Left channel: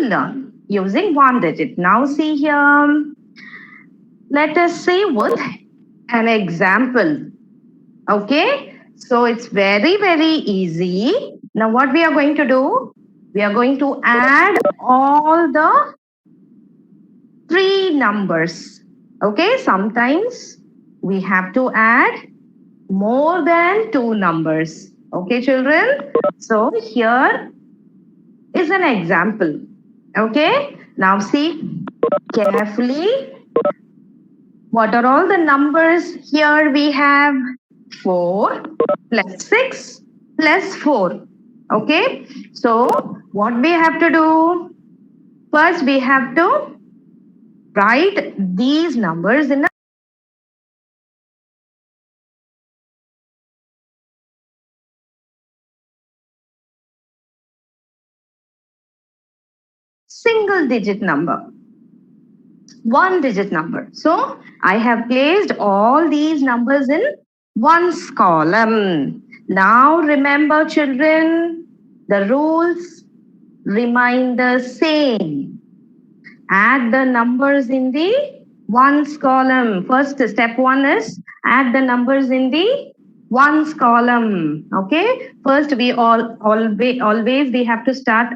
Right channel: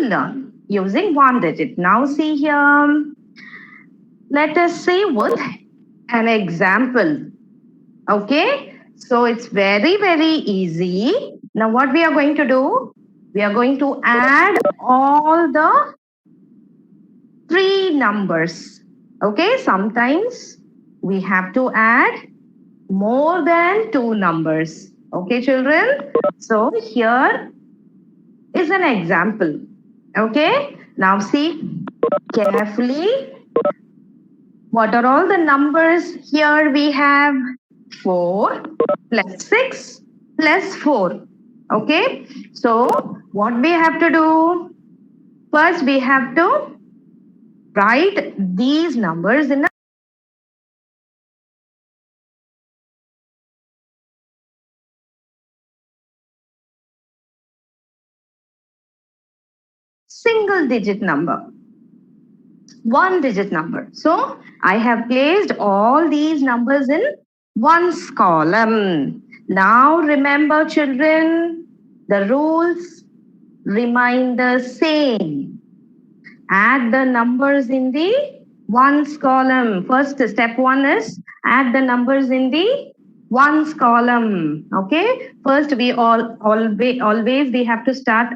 learn using one digit. Now see here. Let us see with an example. Okay. So it's very, very easy. Now what we are going to do? We are going to add all the three numbers. Okay. Sometimes we have to add more than two numbers. Okay, children. So here is an example. Okay. Now see carefully. What are all the numbers? Here we have 4 plus 6 plus 4. Okay. So what we have to do? First we have to write these numbers in a single digit number. One digit number. So I have placed all these numbers in ones column. Now remember children, the rules remain the same. Add the numbers in the ones column. First step one is add the numbers in the ones column. Okay. First we always we have to start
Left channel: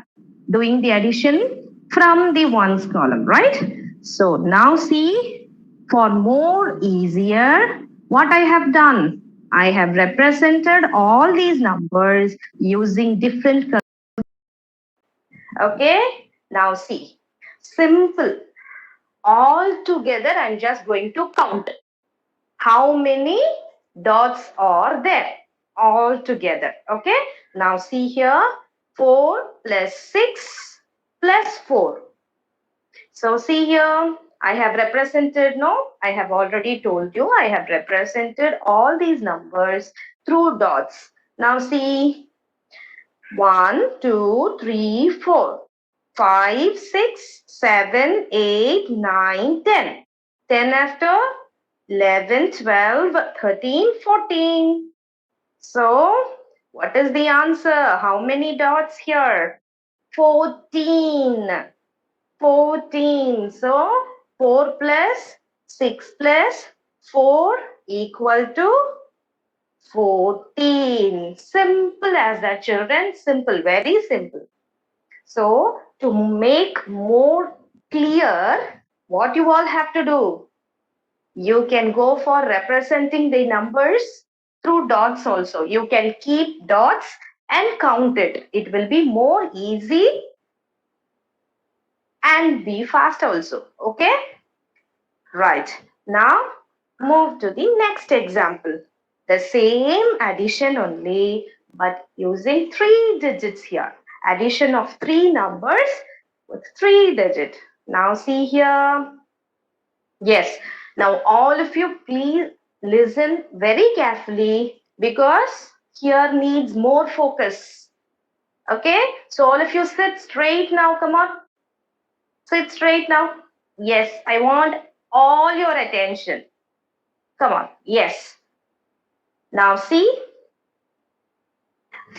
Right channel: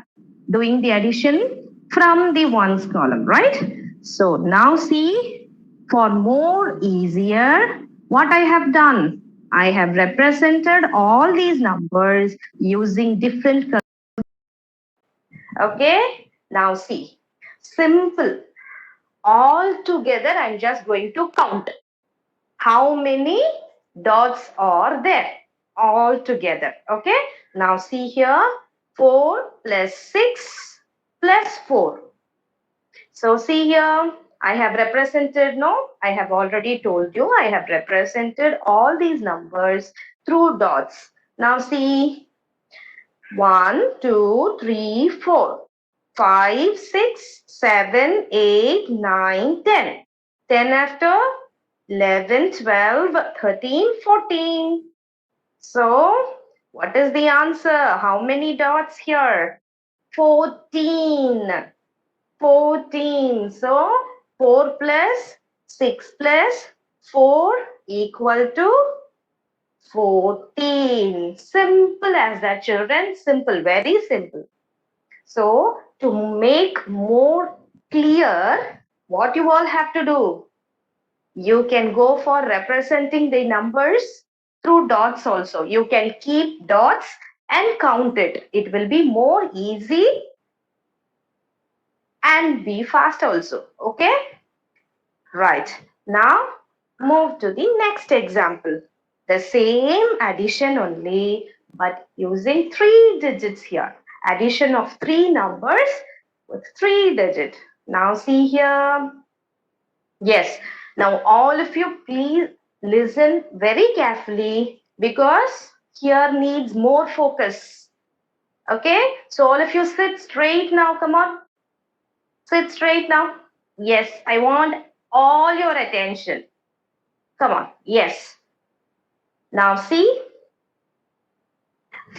doing the addition from the ones column, right? So now see, for more easier, what I have done, I have represented all these numbers using different colors. Okay. Now see, simple. All together, I'm just going to count how many dots are there all together. Okay. Now see here, 4 plus 6 plus 4. So see here, I have represented, no, I have already told you, I have represented all these numbers through dots. Now see, 1, 2, 3, 4, 5, 6, 7, 8, 9, 10. 10 after 11, 12, 13, 14. So, what is the answer? How many dots here? 14. 14. So, 4 plus 6 plus 4 equal to 14. Simple as that, children. Simple, very simple. So, to make more clear, what you all have to do, you can go for representing the numbers through dots also. You can keep dots and count it. It will be more easy and be fast also. Okay? Right. Now, move to the next example. The same addition only, but using 3 digits here. Addition of 3 numbers with 3 digits. Now see here. Yes. Now all of you please listen very carefully because here needs more focus. Okay. So all of you sit straight now. Come on. Sit straight now. Yes. I want all your attention. Come on. Yes. Now see.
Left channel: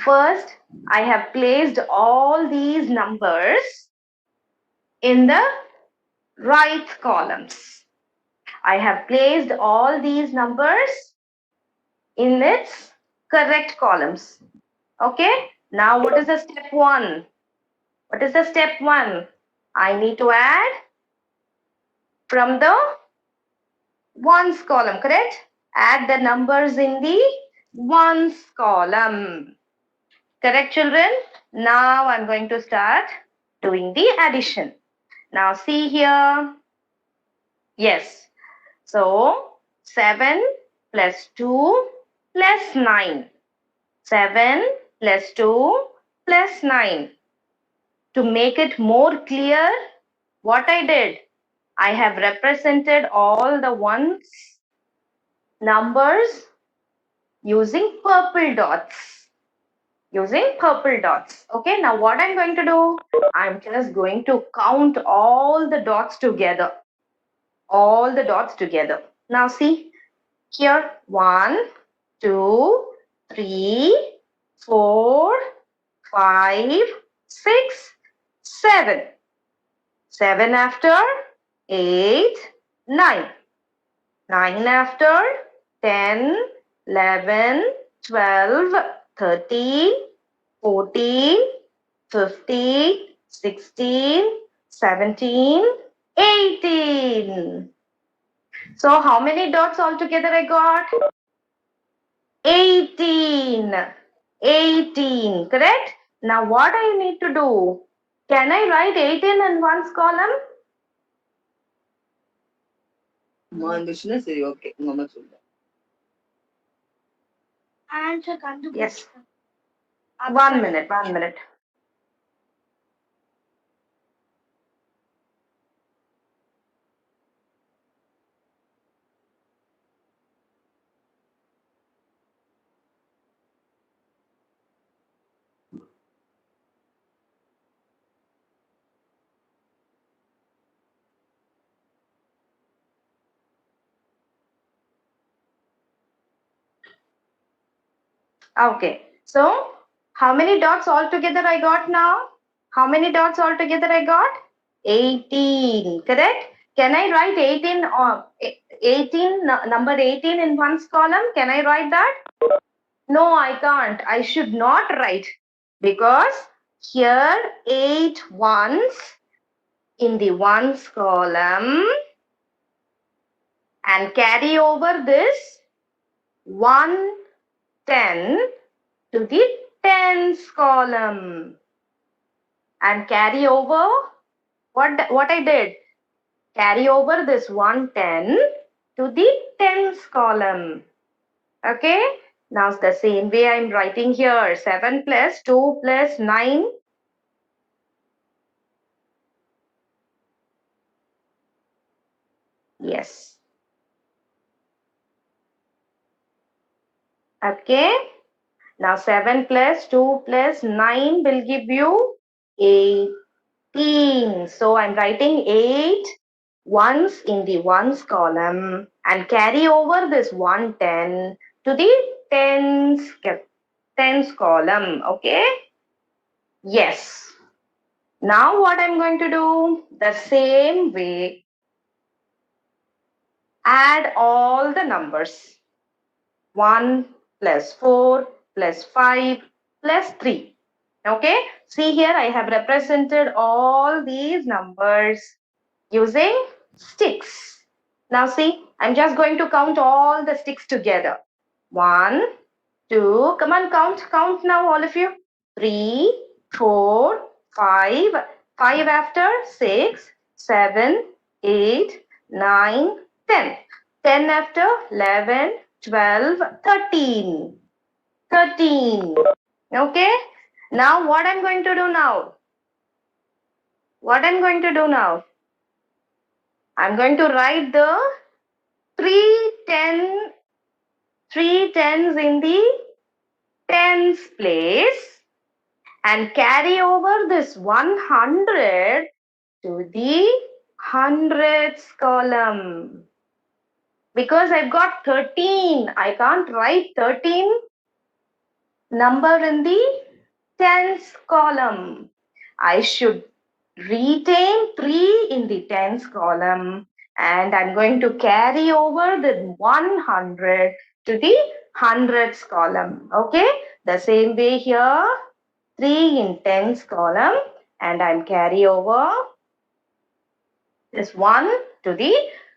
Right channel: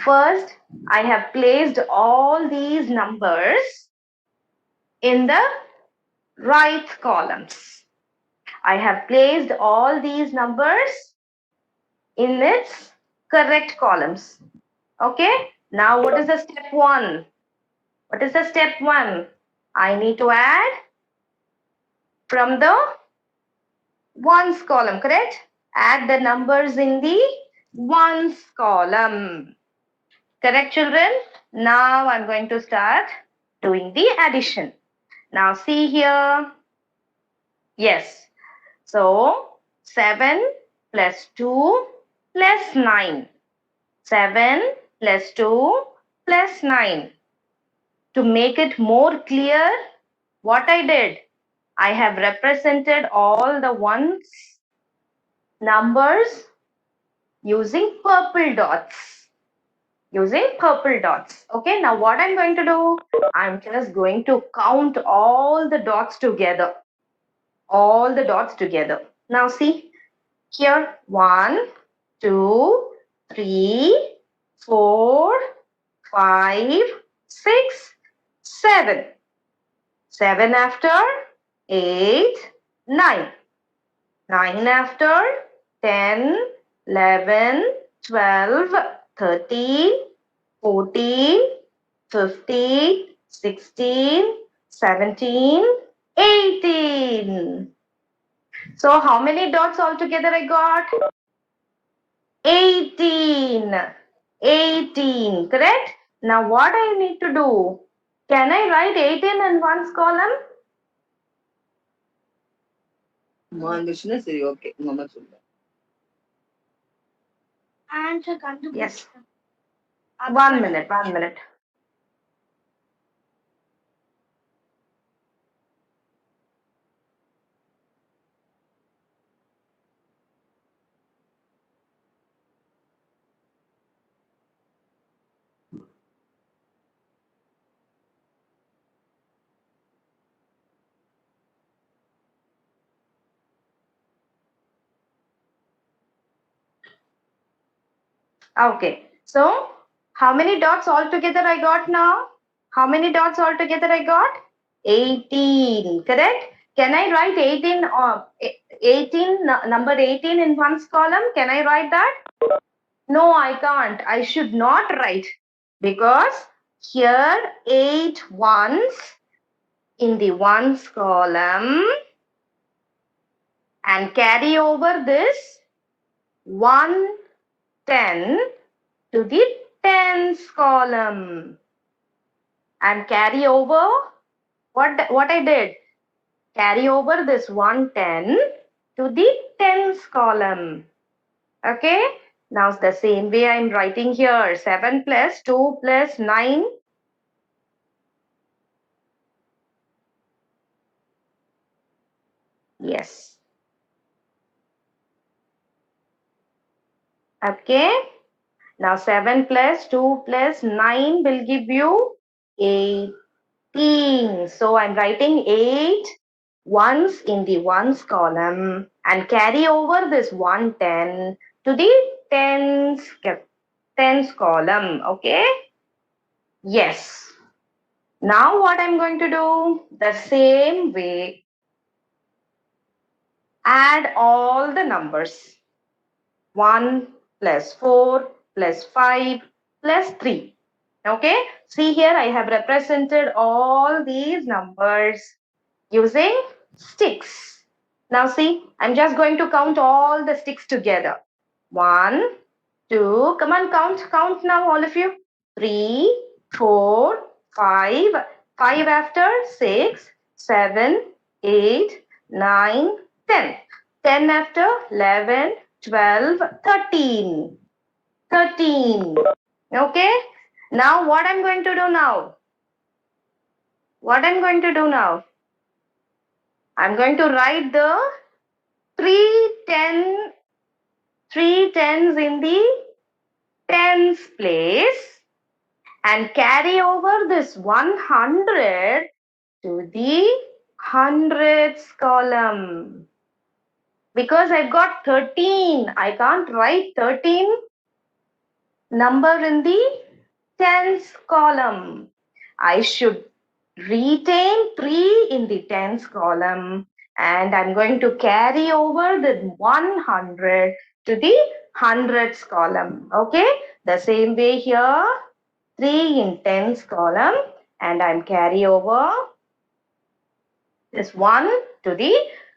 First, I have placed all these numbers in the right columns. I have placed all these numbers in its correct columns. Okay. Now, what is the step one? What is the step one? I need to add from the ones column, correct? Add the numbers in the ones column. Correct, children? Now I'm going to start doing the addition. Now see here. Yes. So 7 plus 2 plus 9. 7 plus 2 plus 9. To make it more clear, what I did, I have represented all the ones numbers using purple dots. Using purple dots. Okay, now what I'm going to do, I'm just going to count all the dots together. All the dots together. Now see, here 1, 2, 3, 4, 5, 6, 7. 7 after 8, 9. 9 after 10, 11, 12, 13, 14, 15, 16, 17, 18. So how many dots altogether I got? 18. 18, correct? Now what I need to do? Can I write 18 in one's column? சரி okay உங்க அம்மா சொல்லுங்க. Yes. 1 minute, 1 minute. Okay. So how many dots altogether I got now? How many dots altogether I got? 18. Correct? Can I write 18 or 18 number 18 in one's column? Can I write that? No, I can't. I should not write because here 8 ones in the ones column and carry over this 110 to the tens column and carry over what I did, carry over this 110 to the tens column. Okay, now it's the same way I'm writing here. 7 plus 2 plus 9. Yes. Okay, now 7 plus 2 plus 9 will give you 18. So I'm writing 8 ones in the ones column and carry over this 110 to the tens column. Okay. Yes. Now what I'm going to do? The same way. Add all the numbers. 1 plus 4 plus 5 plus 3. Okay. See here I have represented all these numbers using sticks. Now see, I'm just going to count all the sticks together. 1, 2, come on, count now all of you. 3, 4, 5, 5 after 6, 7, 8, 9, 10. 10 after 11, 12, 13. 13. Okay. Now what I'm going to do now? What I'm going to do now? I'm going to write the three tens in the tens place and carry over this 100 to the hundreds column. Because I've got 13, I can't write 13 number in the tens column. I should retain 3 in the tens column and I'm going to carry over the 100 to the hundreds column. Okay, the same way here, 3 in tens column and I'm carry over this 1 to the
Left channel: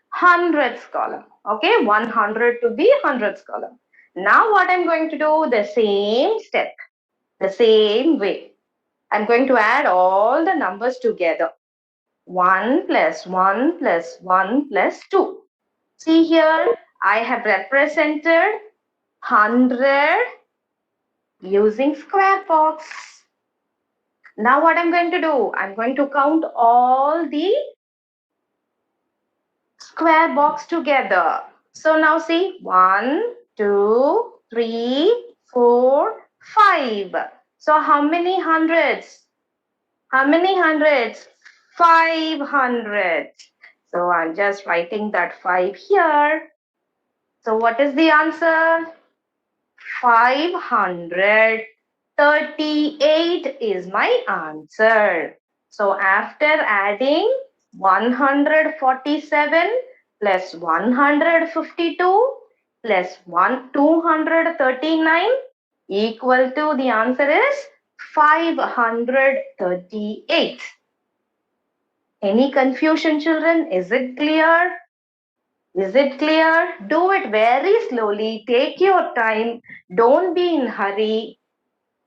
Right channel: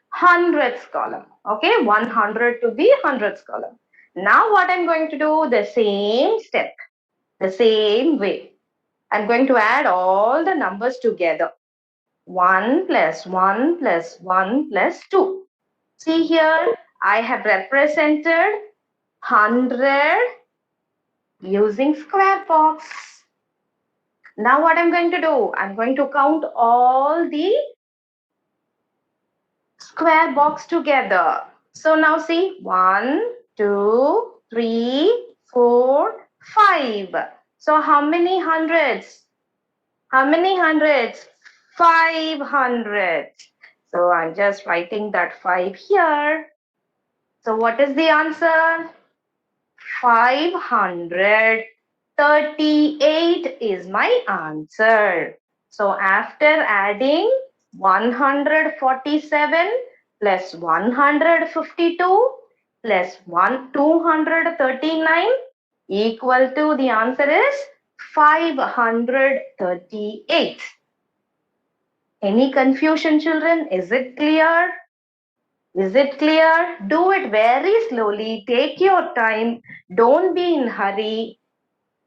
hundreds column. Okay, 100 to the hundreds column. Now what I'm going to do, the same step, the same way. I'm going to add all the numbers together. 1 plus 1 plus 1 plus 2. See here, I have represented 100 using square box. Now what I'm going to do? I'm going to count all the square box together. So now see, 1, 2, 3, 4, 5. So how many hundreds? How many hundreds? 500. So I'm just writing that 5 here. So what is the answer? 538 is my answer. So after adding 147 plus 152 plus 239 equal to, the answer is 538. Any confusion, children? Is it clear? Is it clear? Do it very slowly. Take your time. Don't be in hurry.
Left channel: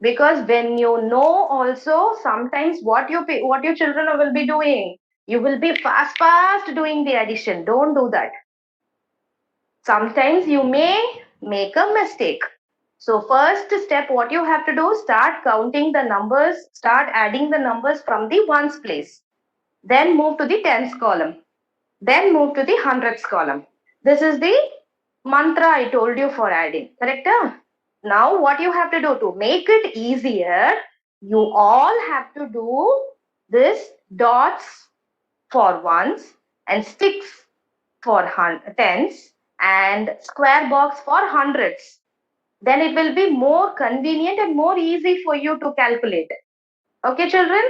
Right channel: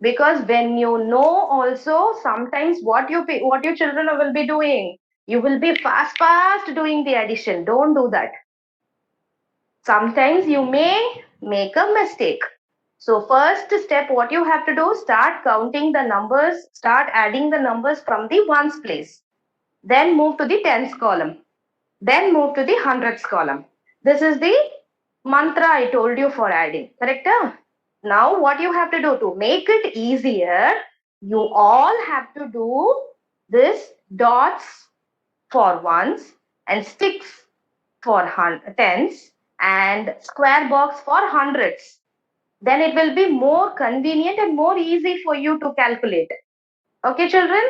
Because when you know also, sometimes what your children will be doing, you will be fast doing the addition. Don't do that. Sometimes you may make a mistake. So first step, what you have to do, start counting the numbers, start adding the numbers from the ones place. Then move to the tens column. Then move to the hundreds column. This is the mantra I told you for adding. Correct? Now what you have to do to make it easier, you all have to do this dots for ones and sticks for tens and square box for hundreds. Then it will be more convenient and more easy for you to calculate. Okay, children?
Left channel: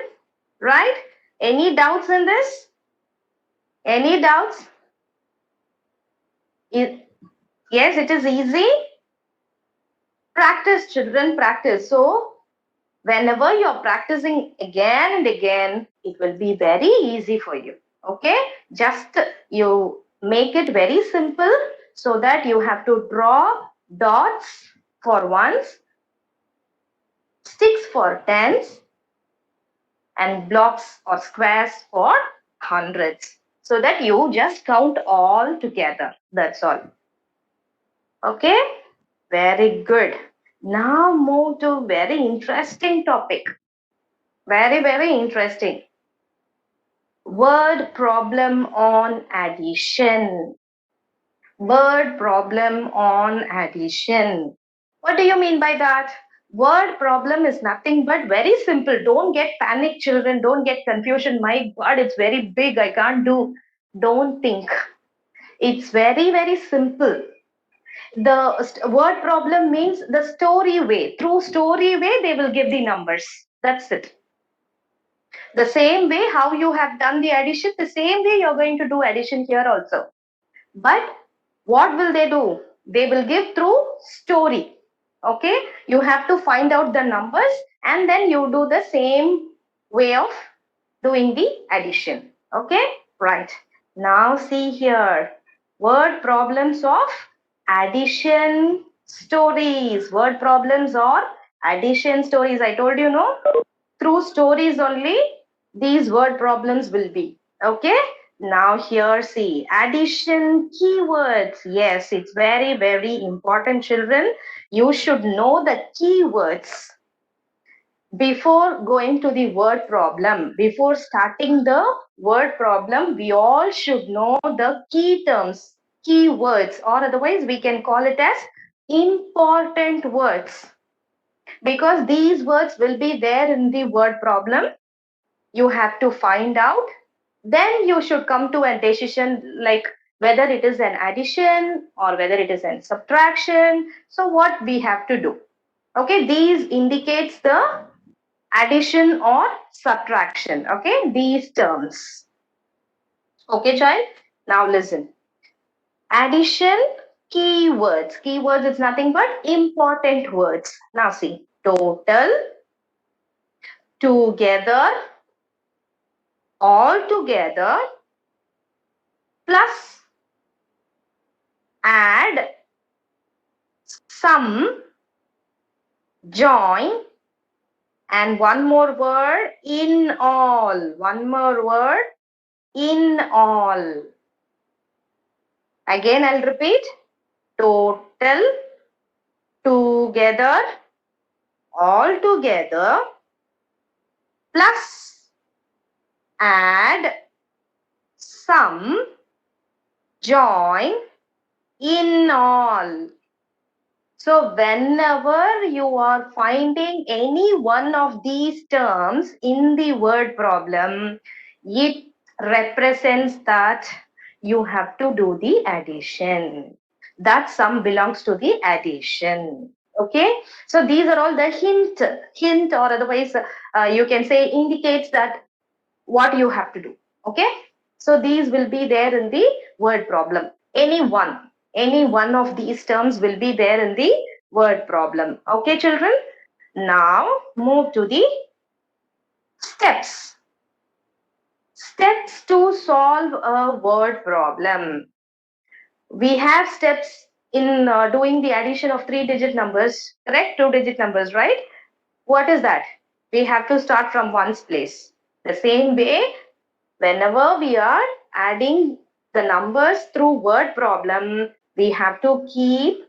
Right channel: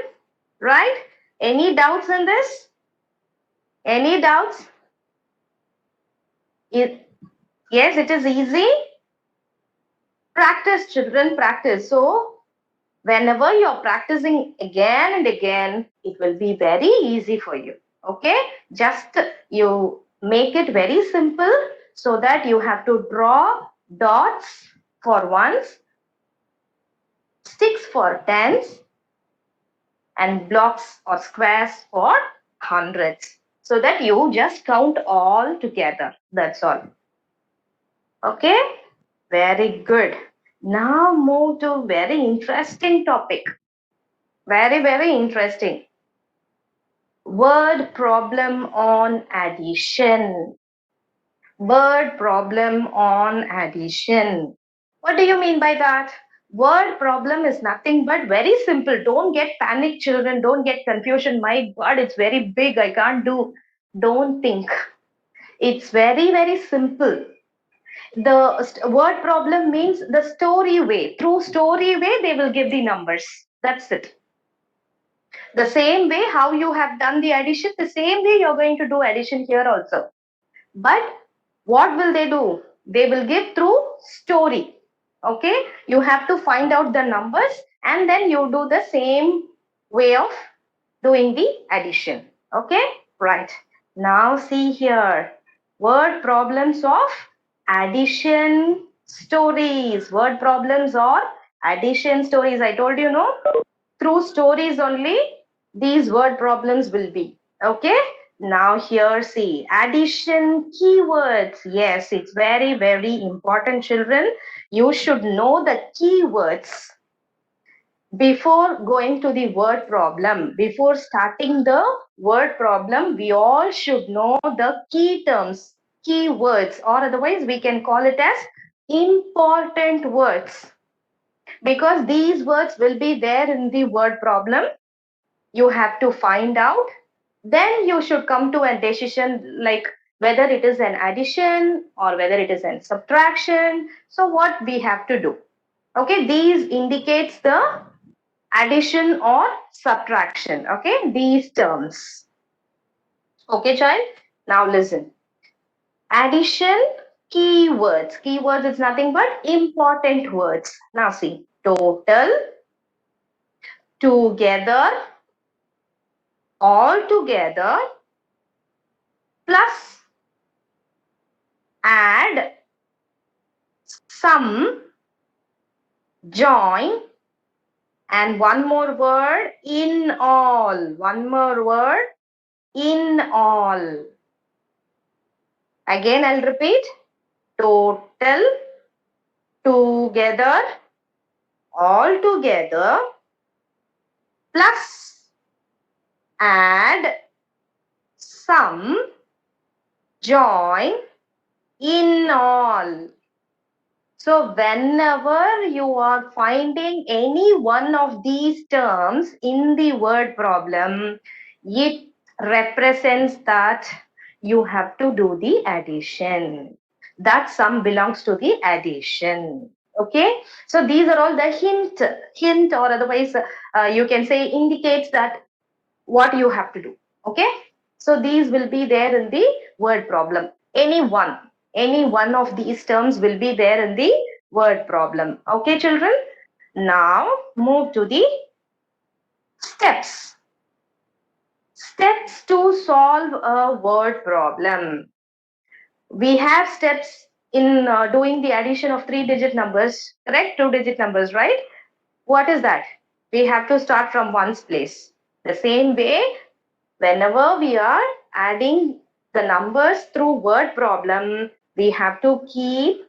Right? Any doubts in this? Any doubts? Yes, it is easy. Practice, children, practice. So, whenever you're practicing again and again, it will be very easy for you. Okay? Just you make it very simple so that you have to draw dots for ones, sticks for tens, and blocks or squares for hundreds. So that you just count all together. That's all. Okay? Very good. Now move to very interesting topic. Very, very interesting. Word problem on addition. Word problem on addition. What do you mean by that? Word problem is nothing but very simple. Don't get panic, children. Don't get confusion. My God, it's very big. I can't do. Don't think. It's very, very simple. The word problem means the story way. Through story way, they will give the numbers. That's it. The same way how you have done the addition, the same way you're going to do addition here also. But what will they do? They will give through story. Okay, you have to find out the numbers and then you do the same way of doing the addition. Okay, right. Now see here, word problems of addition stories. Word problems or addition stories. I told you, no, through stories only these word problems will be. Okay, now here see addition keywords. Yes, it's very, very important, children. You should know the keywords before going to the word problem. Before starting the word problem, we all should know the key terms, keywords, or otherwise we can call it as important words, because these words will be there in the word problem. You have to find out, then you should come to a decision like whether it is an addition or whether it is an subtraction. So what we have to do, okay, these indicates the addition or subtraction. Okay, these terms. Okay, child, now listen. Addition keywords. Keywords is nothing but important words. Now see, total, together, all together, plus, add, sum, join, and one more word, in all. One more word, in all. Again, I'll repeat. Total, together, all together, plus, add, sum, join, in all. So whenever you are finding any one of these terms in the word problem, it represents that you have to do the addition. That sum belongs to the addition. Okay, so these are all the hint or otherwise you can say indicates that what you have to do. Okay, So these will be there in the word problem. Any one of these terms will be there in the word problem. Okay, children? Now move to the steps. Steps to solve a word problem. We have steps in doing the addition of 3-digit numbers, correct? 2-digit numbers, right? What is that? We have to start from ones place. The same way, whenever we are adding the numbers through word problem, we have to keep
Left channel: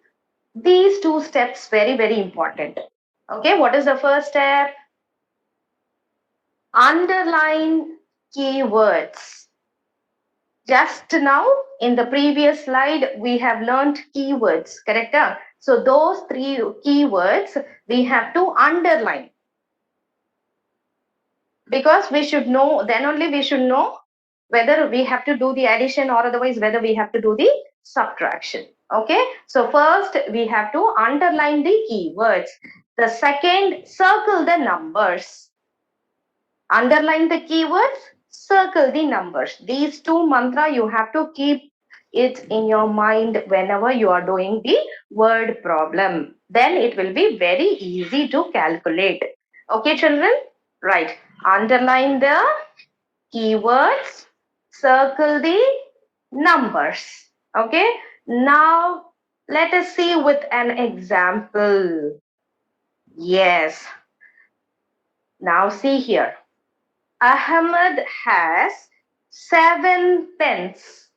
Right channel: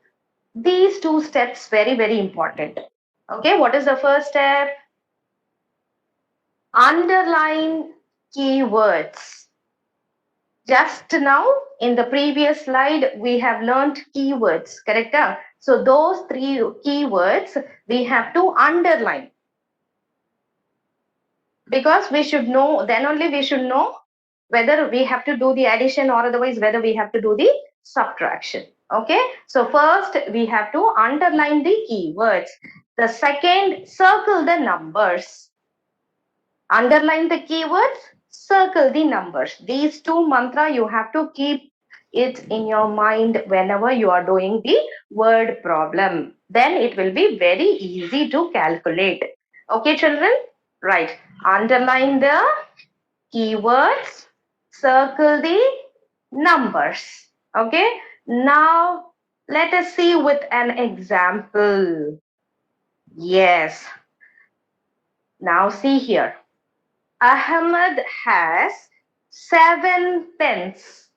these 2 steps very, very important. Okay, what is the first step? Underline keywords. Just now in the previous slide, we have learned keywords, correct? So those 3 keywords we have to underline, because we should know, then only we should know whether we have to do the addition or otherwise whether we have to do the subtraction. Okay, so first we have to underline the keywords. The second, circle the numbers. Underline the keywords, circle the numbers. These 2 mantra you have to keep it in your mind whenever you are doing the word problem. Then it will be very easy to calculate. Okay, children? Right. Underline the keywords, circle the numbers. Okay. Now let us see with an example. Yes. Now see here. Ahmed has 7 pens.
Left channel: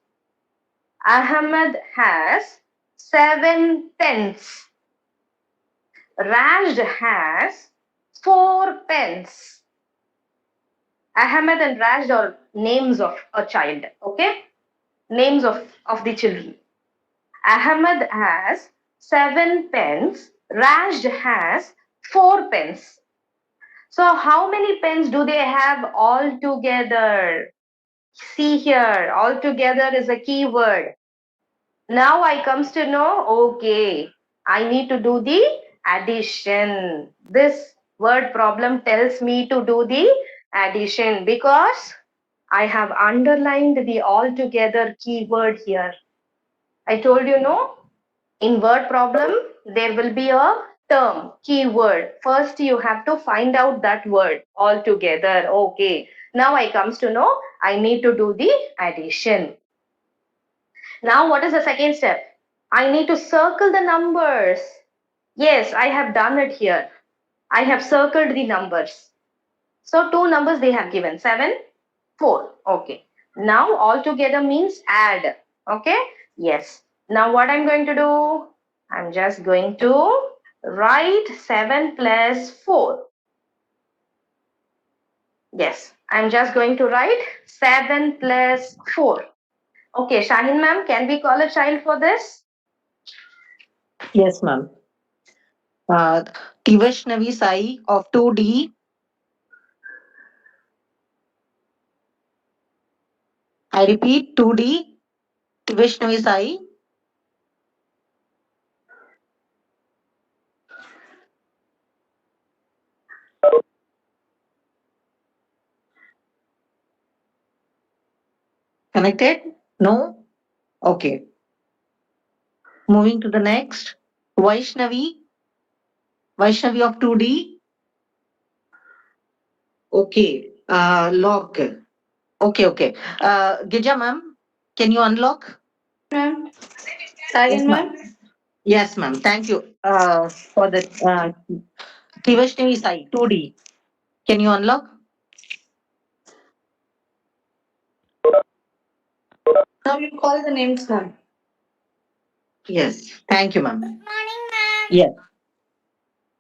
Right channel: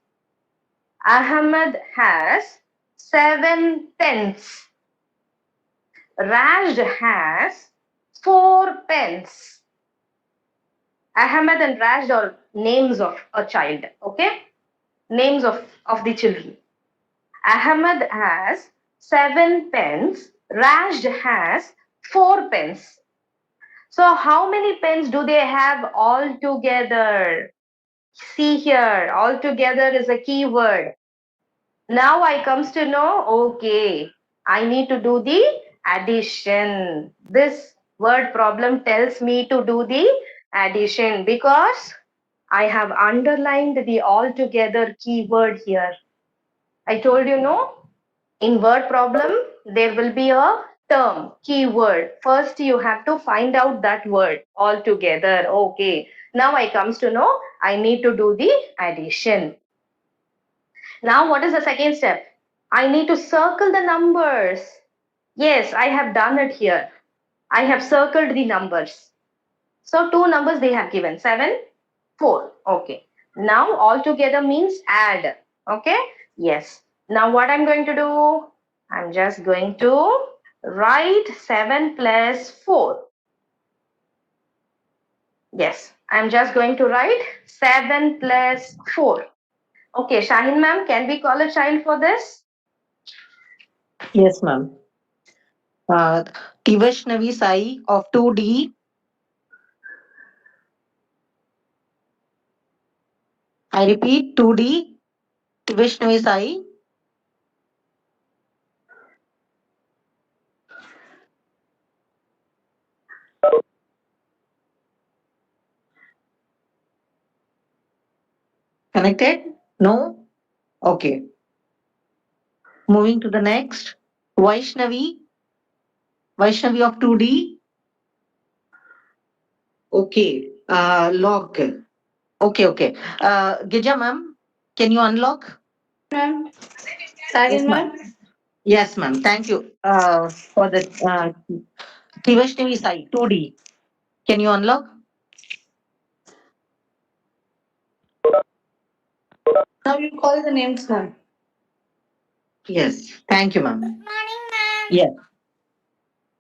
Ahmed has 7 pens. Raj has 4 pens. Ahmed and Raj are names of a child. Okay, names of the children. Ahmed has 7 pens. Raj has 4 pens. So how many pens do they have all together? See here, all together is a keyword. Now I comes to know, okay, I need to do the addition. This word problem tells me to do the addition because I have underlined the all together keyword here. I told you, no, in word problem, there will be a term, keyword. First, you have to find out that word altogether. Okay. Now I comes to know I need to do the addition. Now, what is the second step? I need to circle the numbers. Yes, I have done it here. I have circled the numbers. So, 2 numbers they have given, 7, 4. Okay. Now, altogether means add. Okay. Yes. Now, what I'm going to do? I'm just going to write 7 plus 4. Yes, I'm just going to write 7 plus 4. Okay, Shahin ma'am, can we call a child for this? Yes, ma'am. Tivashnavi Sai of 2D. I repeat, 2D. Tivashnavi Sai. Connected? No? Okay. Moving to the next. Vaishnavi. Vaishnavi of 2D. Okay. Lock. Okay, okay. Gija ma'am, can you unlock? Ma'am. Yes, Second, ma'am. ma'am. Yes, ma'am. Thank you for the Tivashnavi Sai, 2D. Can you unlock? Now you call the names, ma'am. Yes. Thank you, ma'am. Morning, ma'am. Yes.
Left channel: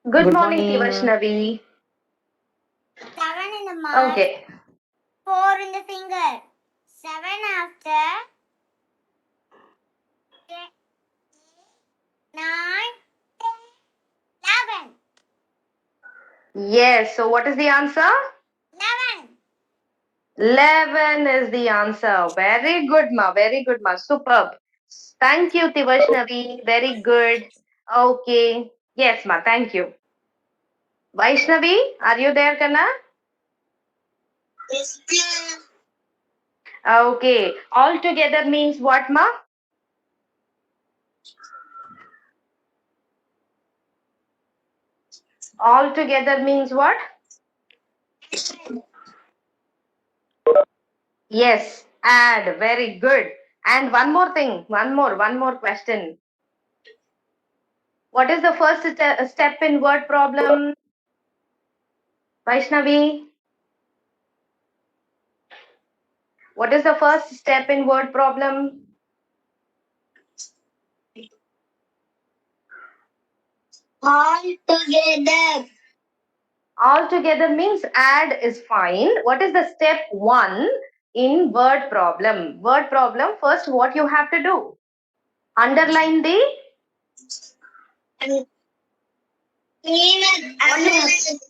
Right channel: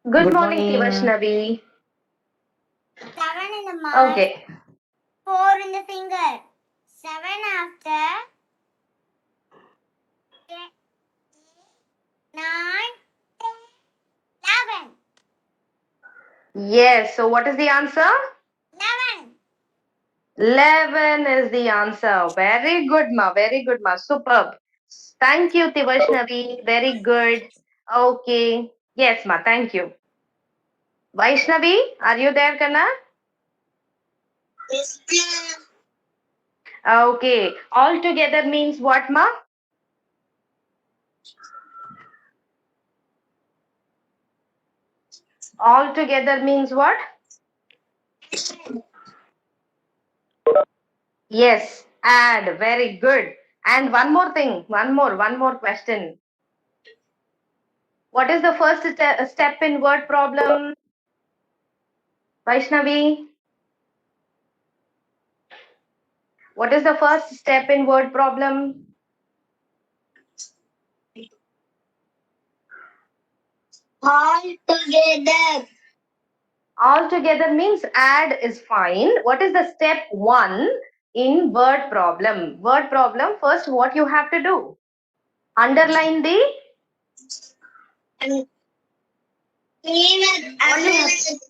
Good, Good morning, morning. Tivashnavi. 7 in the mouth, Okay. 4 in the finger. 7 after 9, 10, 11. Yes, so what is the answer? 11. 11 is the answer. Very good, ma. Very good, ma. Superb. Thank you, Tivashnavi. Very good. Okay. Yes, ma. Thank you. Vaishnavi, are you there, Kana? Yes, ma'am. Okay. All together means what, ma? All together means what? Yes, add. Very good. And one more thing, one more question. What is the first step in word problem, Vaishnavi? What is the first step in word problem? All together. All together means add is fine. What is the step 1 in word problem? Word problem, first what you have to do? Underline the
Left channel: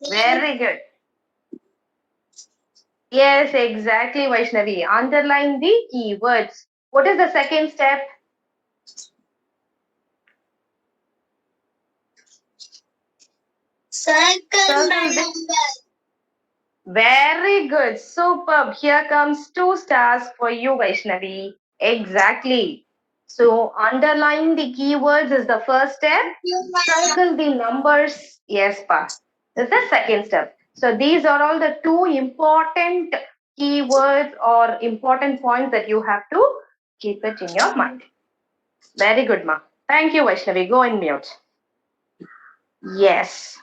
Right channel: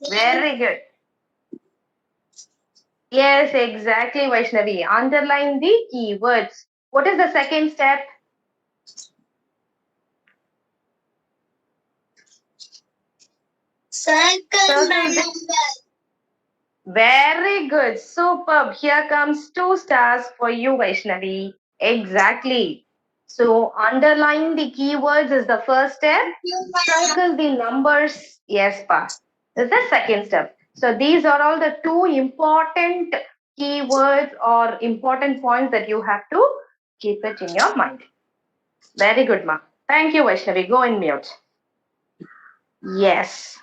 very good. Yes, exactly, Vaishnavi. Underline the keywords. What is the second step? Circle the number. Very good. Superb. Here comes 2 stars for you, Vaishnavi. Exactly. So underline the keywords is the first step. Circle the numbers. Yes, pa. This is the second step. So these are all the 2 important keywords or important points that you have to keep it in your mind. Very good, ma. Thank you, Vaishnavi. Go and mute. Yes.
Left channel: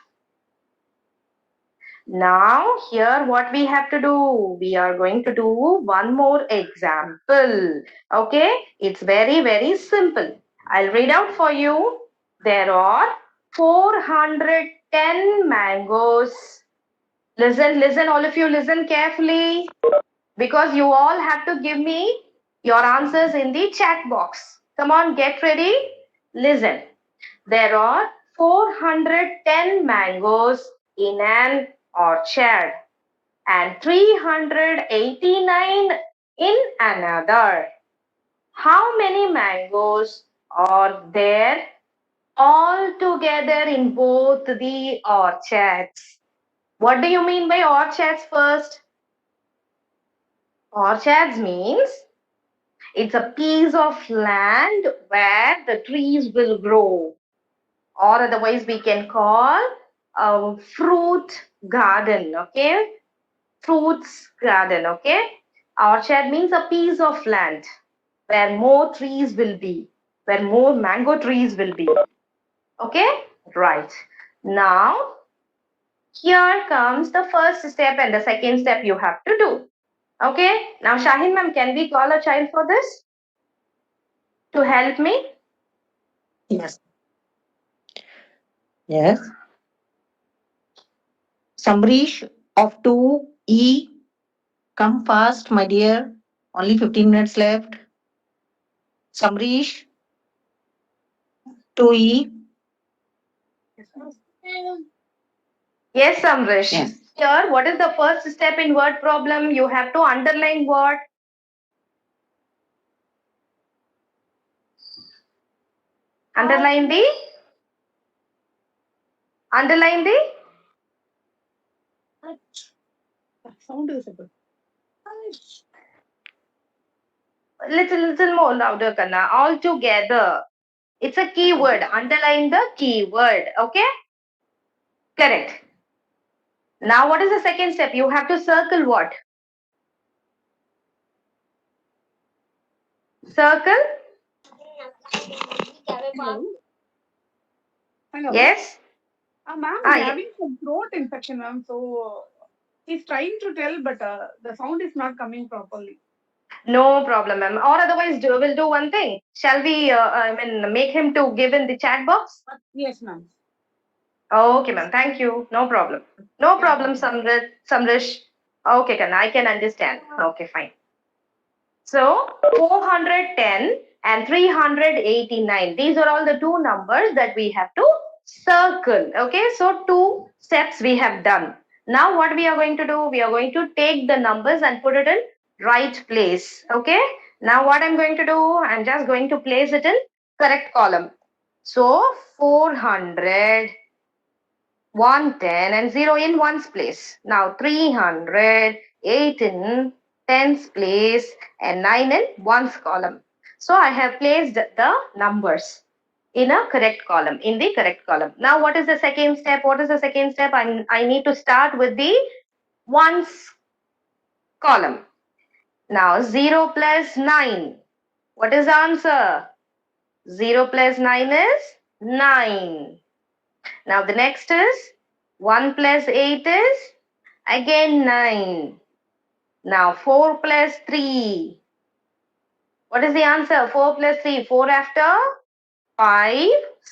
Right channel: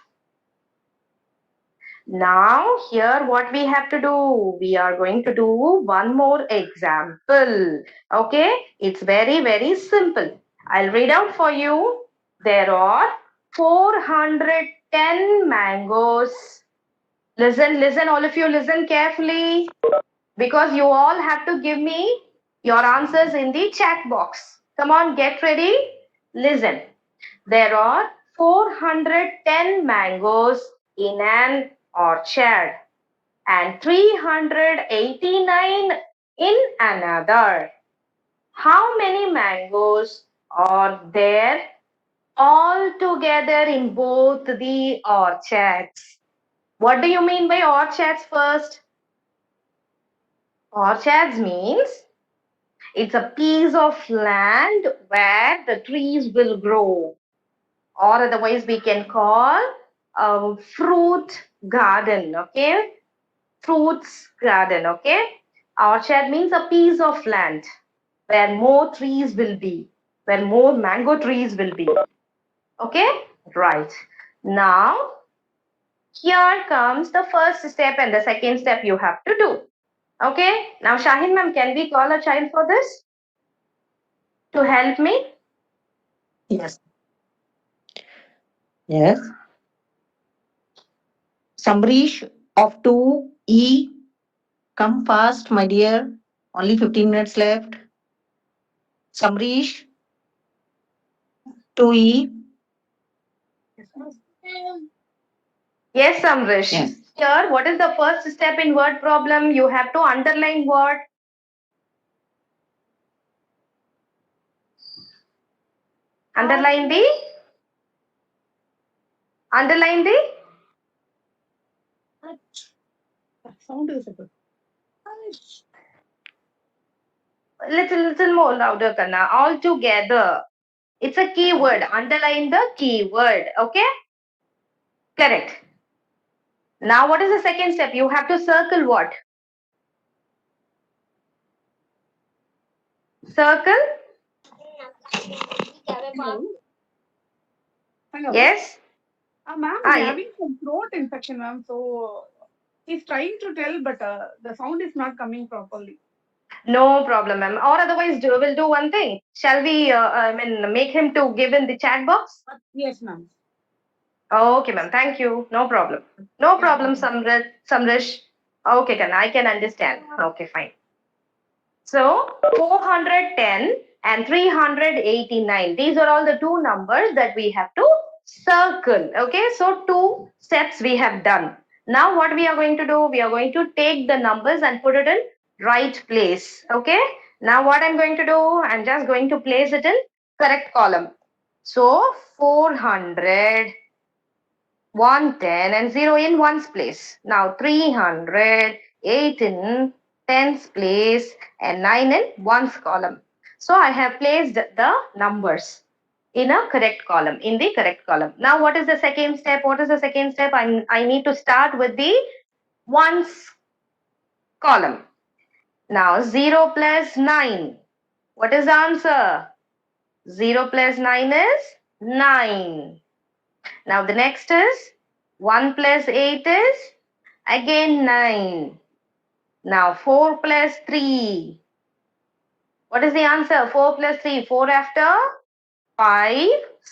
Now, here what we have to do? We are going to do one more example. Okay, it's very, very simple. I'll read out for you. There are 410 mangoes. Listen, all of you listen carefully because you all have to give me your answers in the chat box. Come on, get ready. Listen. There are 410 mangoes in an orchard and 389 in another. How many mangoes are there all together in both the orchards? What do you mean by orchards first? Orchards means it's a piece of land where the trees will grow, or otherwise we can call a fruit garden. Okay, fruits garden. Okay, orchard means a piece of land where more trees will be, where more mango trees will be. Okay, right. Now here comes the first step and the second step you have to do. Okay, now Shahin ma'am, can we call a child for this to help me? Yes. Yes. Samrish of 2E. Come fast, my dear. Only 15 minutes left. Samrish, 2E. Yes, Samrish. Yes. Here, what is the first step in word problem? You have to underline what? Underline the? Underline the? Sound is good. Little more louder, Kanna. All together. It's a keyword. Underline the keyword. Okay? Correct. Now, what is the second step? You have to circle what? Circle? Hello. Yes? Ma'am, Ah, he's ye- having some throat infection, ma'am. So he's trying to tell, but the sound is not coming properly. No problem, ma'am. Or otherwise, we'll do one thing. Shall we, make him to give in the chat box? Yes, ma'am. Okay, ma'am. Thank you. No problem. No problem, Samrish. Okay, Kanna, I can understand. Okay, fine. So 410 and 389. These are all the 2 numbers that we have to circle. Okay, so 2 steps we have done. Now what we are going to do? We are going to take the numbers and put it in right place. Okay, now what I'm going to do? I'm just going to place it in correct column. So 400, 110 and 0 in ones place. Now 300, 8 in tens place and 9 in ones column. So I have placed the numbers in a correct column, in the correct column. Now, what is the second step? What is the second step? I need to start with the ones column. Now, 0 plus 9. What is the answer? 0 plus 9 is 9. Now, the next is 1 plus 8 is again 9. Now, 4 plus 3. What is the answer? 4 plus 3. 4 after 5,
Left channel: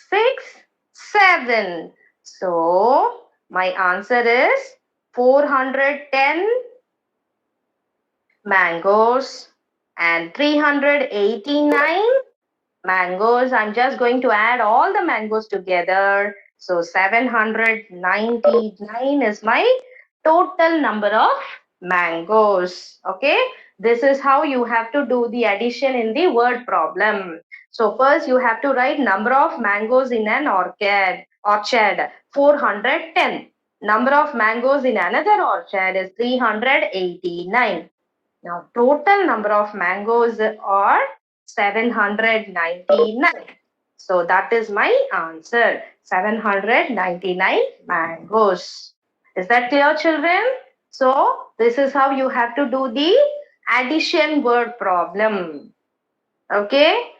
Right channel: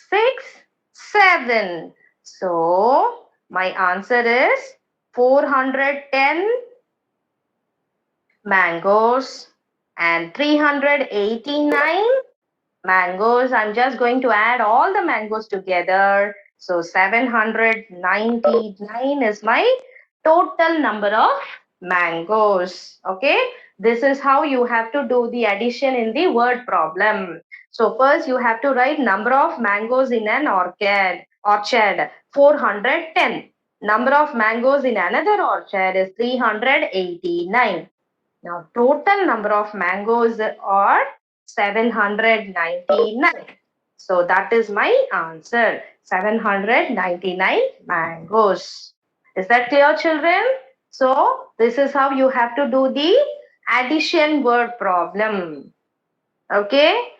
6, 7. So, my answer is 410 mangoes and 389 mangoes. I'm just going to add all the mangoes together. So 799 is my total number of mangoes. Okay, this is how you have to do the addition in the word problem. So first you have to write number of mangoes in an orchard. 410. Number of mangoes in another orchard is 389. Now total number of mangoes are 799. So that is my answer. 799 mangoes. Is that clear, children? So this is how you have to do the addition word problem. Okay?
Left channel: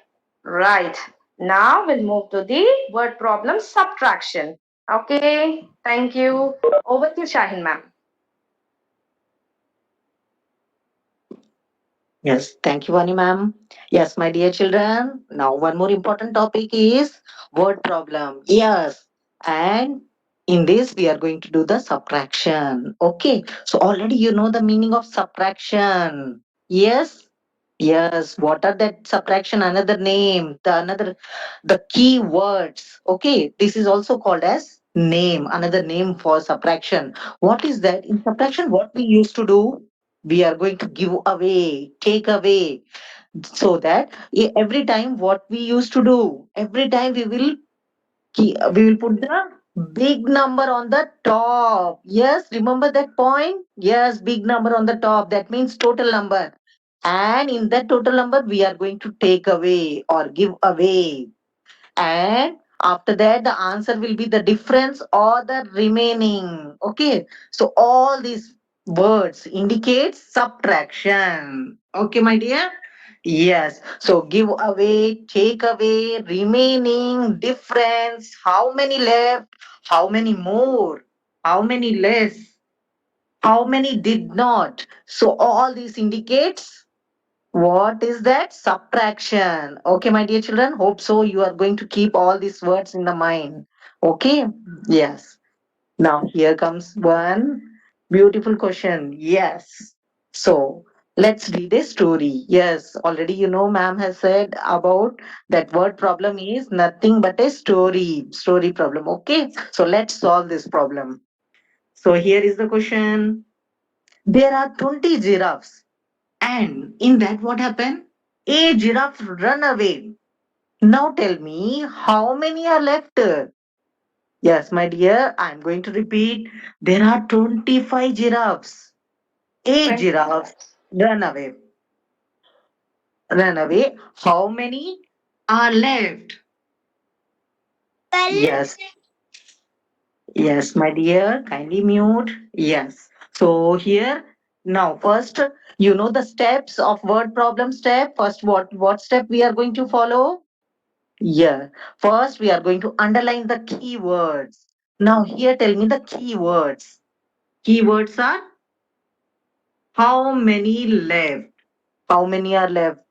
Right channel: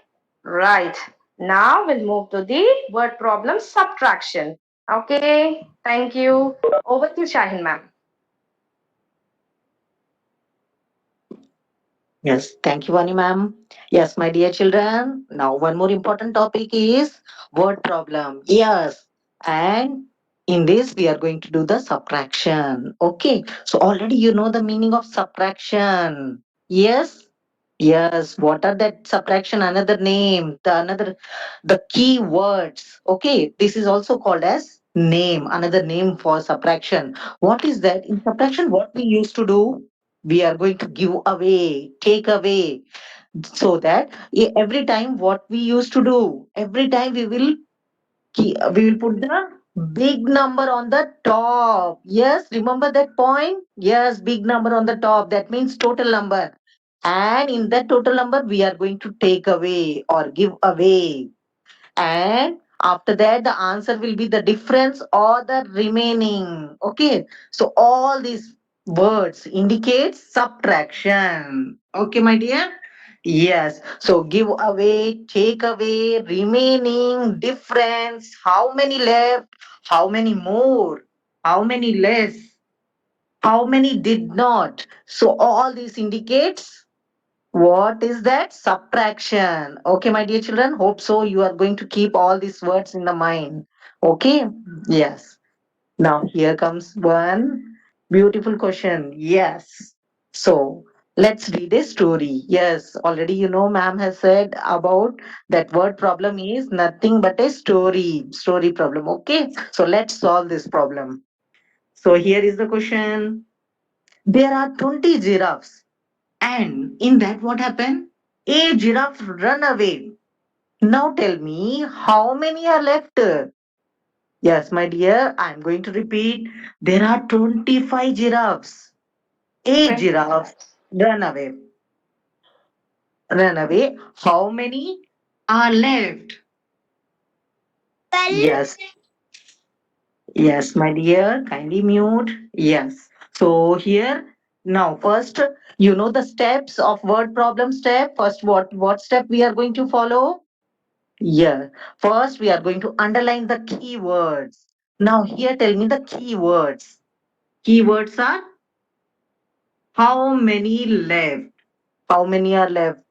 Right. Now we'll move to the word problem subtraction. Okay. Thank you. Over to Shahin ma'am. Yes, thank you, Vani ma'am. Yes, my dear children. Now, one more important topic is word problem. Yes, and in this we are going to do the subtraction. Okay, so already you know the meaning of subtraction. Yes, yes. What are that subtraction? Another name, the key words. Okay, this is also called as name. Another name for subtraction. What is that? In subtraction, what we used to do? We are going to give away, take away, so that every time what we used to do, every time we will put the big number on the top. Yes, remember that point? Yes, big number on the top. That means total number. And in that total number, we are going to take away or give away. And after that, the answer will be the difference or the remaining. Okay, so all these words indicate subtraction. Okay, my dear. Yes, so give away, take away, remaining, difference, how many left, how many more, how many less, how many did not. So all this indicates what is that? Subtraction. Okay, my dear children. Hope so. You are going to keep all these words in the mind. Okay. Yes. Now here comes one beautiful question. Yes. So let's read a story. Yes. Already you know, ma'am has said about that word problem is nothing but a story. Story problem. Okay. So let's solve this problem. So here is the question. There are 20 giraffes. And in that, what happened? A giraffe run away. Now tell me, how many are left? Yes, my dear, I'm going to repeat. There are 25 giraffes. A giraffe run away. Run away. How many are left? 12. Yes, yes, my dear, kindly mute. Yes. So here, now first, you know the steps of word problem step. First, what step we are going to follow? Yeah. First, we are going to underline the keywords. Now, here, tell me the keywords. Keywords are how many left? How many are left?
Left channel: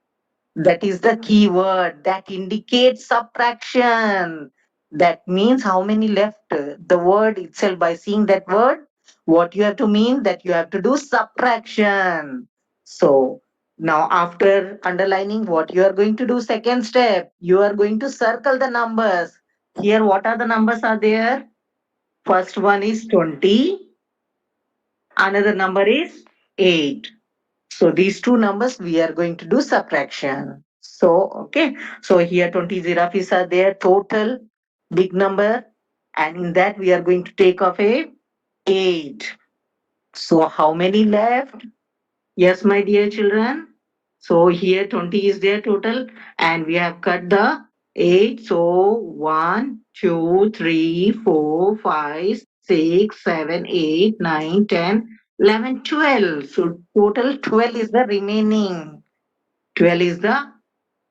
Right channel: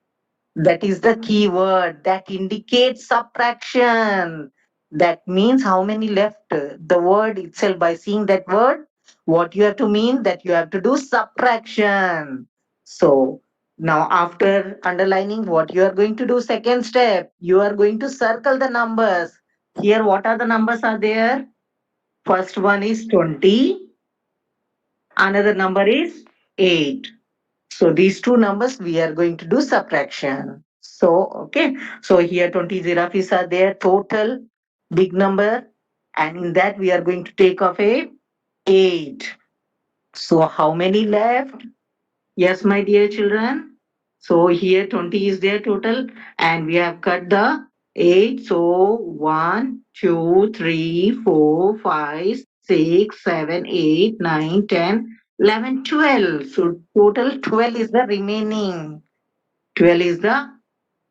That is the keyword that indicates subtraction. That means how many left. The word itself, by seeing that word, what you have to mean that you have to do subtraction. So now after underlining what you are going to do, second step, you are going to circle the numbers. Here, what are the numbers are there? First one is 20. Another number is 8. So these two numbers we are going to do subtraction. So, okay. So here 20 giraffes are there total, big number. And in that we are going to take off a 8. So how many left? Yes, my dear children. So here 20 is there total, and we have cut the 8. So 1, 2, 3, 4, 5, 6, 7, 8, 9, 10, 11, 12. So total 12 is the remaining. 12 is the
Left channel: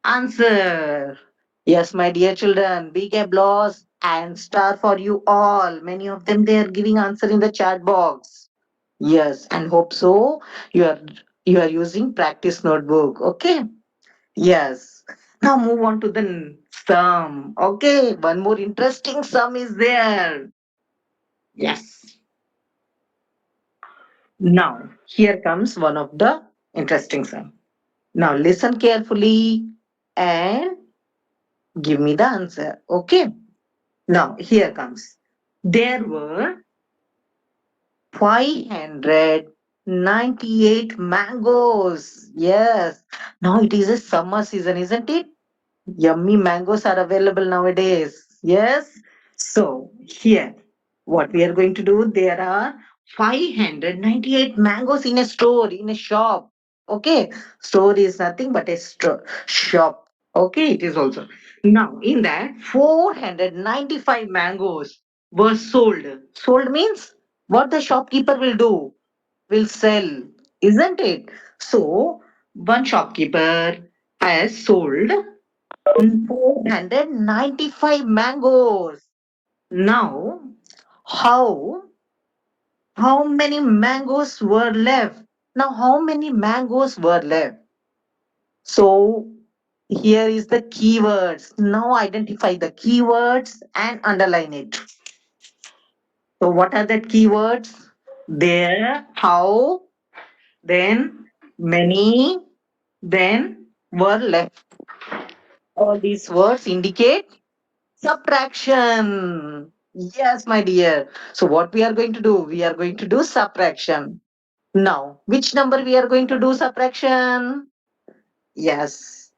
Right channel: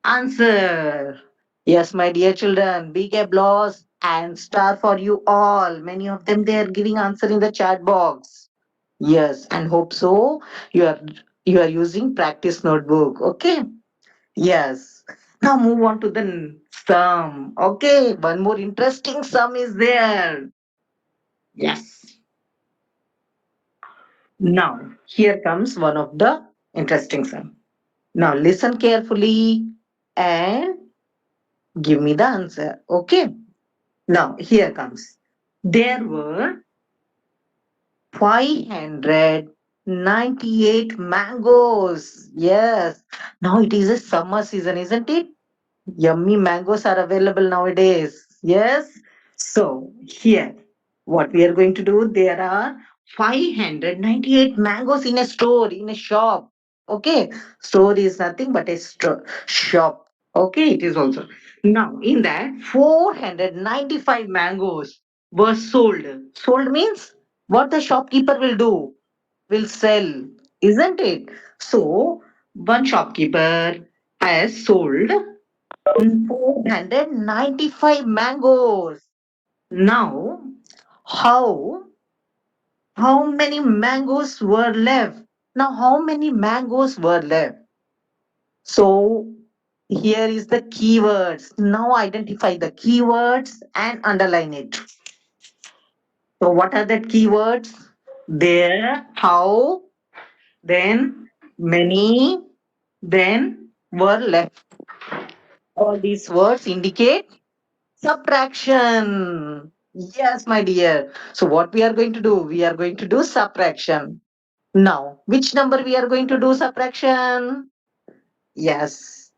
answer. Yes, my dear children, big applause and star for you all. Many of them they are giving answer in the chat box. Yes, and hope so. You are you are using practice notebook. Okay. Yes. Now move on to the sum. Okay. One more interesting sum is there. Yes. Now here comes one of the interesting sum. Now listen carefully and give me the answer. Okay. Now here comes. There were 598 mangoes. Yes. Now it is a summer season, isn't it? Yummy mangoes are available nowadays. Yes. So here, what we are going to do, there are 598 mangoes in a store, in a shop. Okay. Store is nothing but a shop. Okay. It is also. Now, in that, 495 mangoes were sold. Sold means what the shopkeeper will do, will sell, isn't it? So, one shopkeeper has sold 495 mangoes. Now, how how many mangoes were left? Now, how many mangoes were left? So, here is the keywords. Now, identify the keywords and underline it. So, what are the keywords? There, how, then many, then were left. All these words indicate subtraction. Yes, my dear. So what we are going to do? We are going to do subtraction. Now, which number we are going to do subtraction? Yes.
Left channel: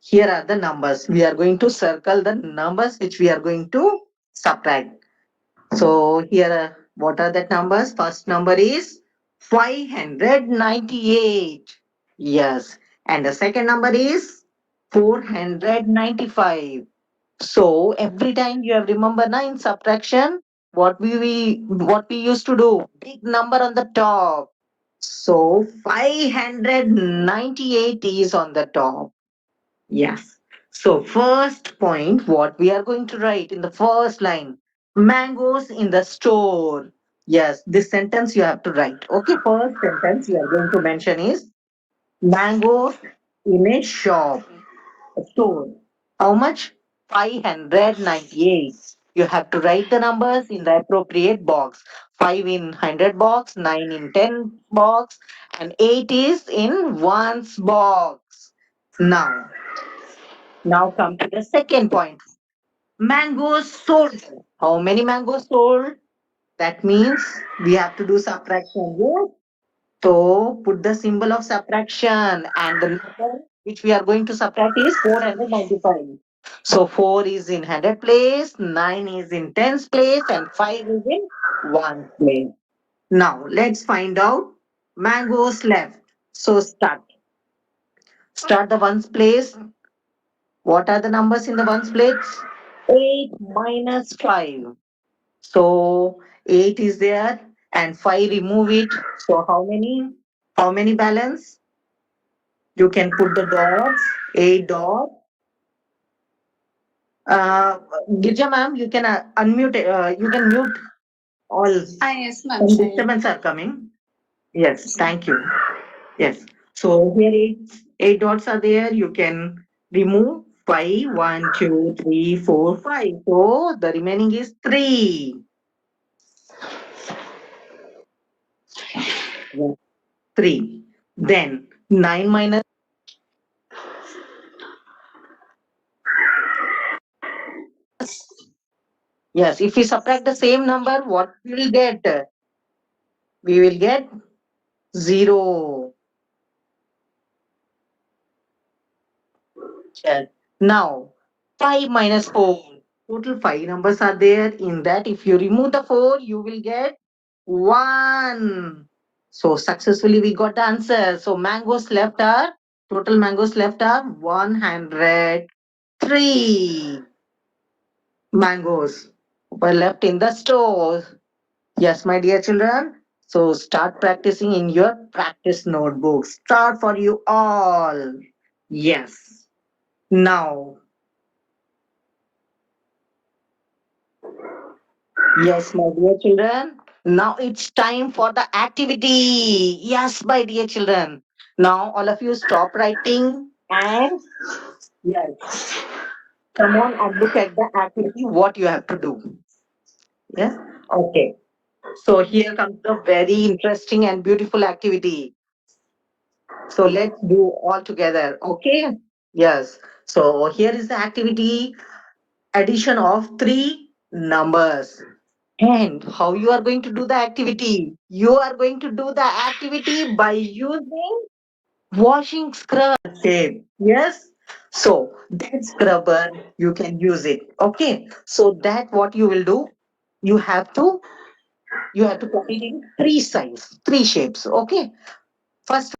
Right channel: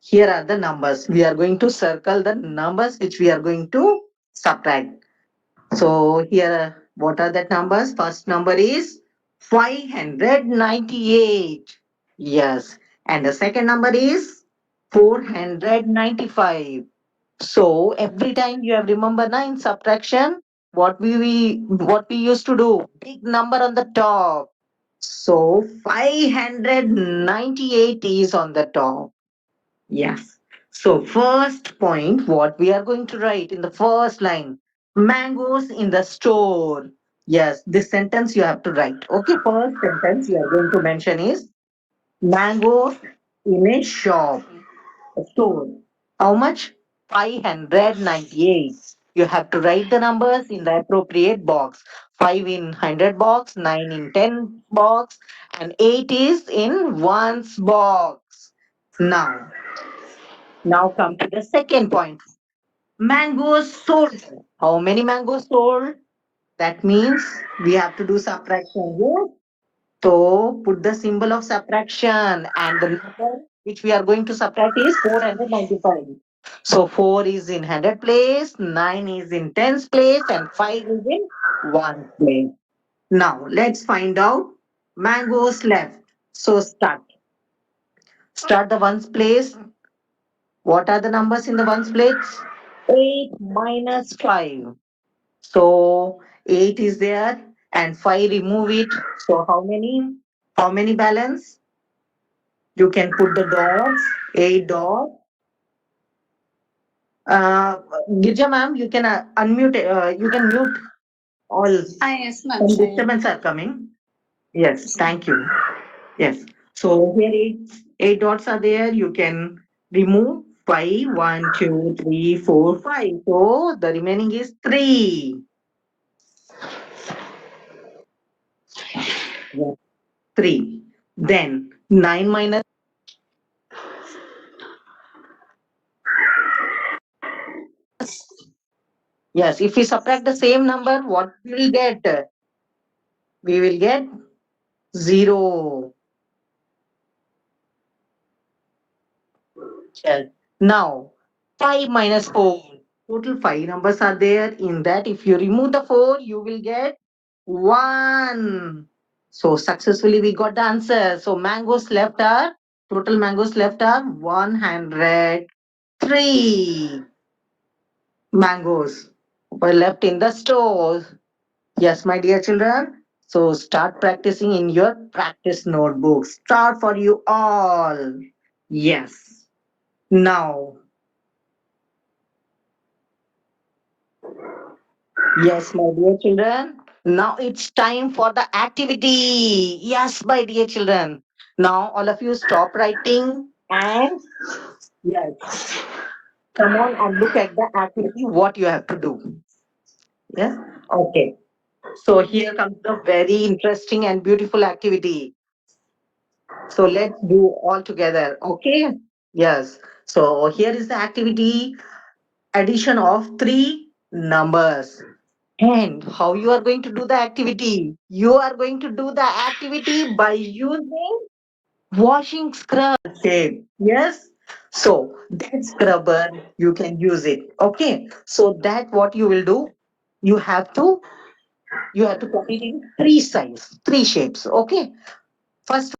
Here are the numbers. We are going to circle the numbers which we are going to subtract. So here, what are the numbers? First number is 598. Yes. And the second number is 495. So every time you have remember na in subtraction, what we used to do, big number on the top. So 598 is on the top. Yes. So first point, what we are going to write in the first line, mangoes in the store. Yes, this sentence you have to write. Okay, first sentence you are going to mention is mangoes in a shop. Store. How much? 598. You have to write the numbers in the appropriate box. 5 in 100 box, 9 in 10 box, and 8 is in one's box. Now come to the second point. Mangoes sold. How many mangoes sold? That means we have to do subtraction. Yes. So put the symbol of subtraction and the number which we are going to subtract is 495. So 4 is in 100 place, 9 is in tens place, and 5 is in one place. Now let's find out mangoes left. So start. Start the ones place. What are the numbers in the ones place? 8 minus 5. So 8 is there and 5 remove it. So how many? How many balance? You can put the dots, a dot. Uh, Girja ma'am, you can unmute, you can mute all. Yes, ma'am. Some disturbance are coming. Yes, thank you. Yes. So here eight dots are there. You can remove 5, 1, 2, 3, 4, 5. So the remaining is 3. Yeah, 3. Then 9 minus. Yes, if we subtract the same number, what we will get? We will get 0. Yes. Now, 5 minus 4. Total 5 numbers are there. In that, if you remove the 4, you will get 1. So successfully we got the answer. So mangoes left are, total mangoes left are 103 mangoes were left in the store. Yes, my dear children. So start practicing in your practice notebook. Start for you all. Yes. Now, yes, my dear children. Now it's time for the activity. Yes, my dear children. Now all of you stop writing and yes, come on and look at the activity, what you have to do. Yes. Okay. So here comes the very interesting and beautiful activity. So let's do all together. Okay. Yes. So here is the activity, addition of three numbers. And how you are going to do the activity? You are going to do the activity by using washing scrub. Okay. Yes. So that scrubber, you can use it. Okay. So that what you will do, you have to you have to put it in three size, three shapes. Okay. First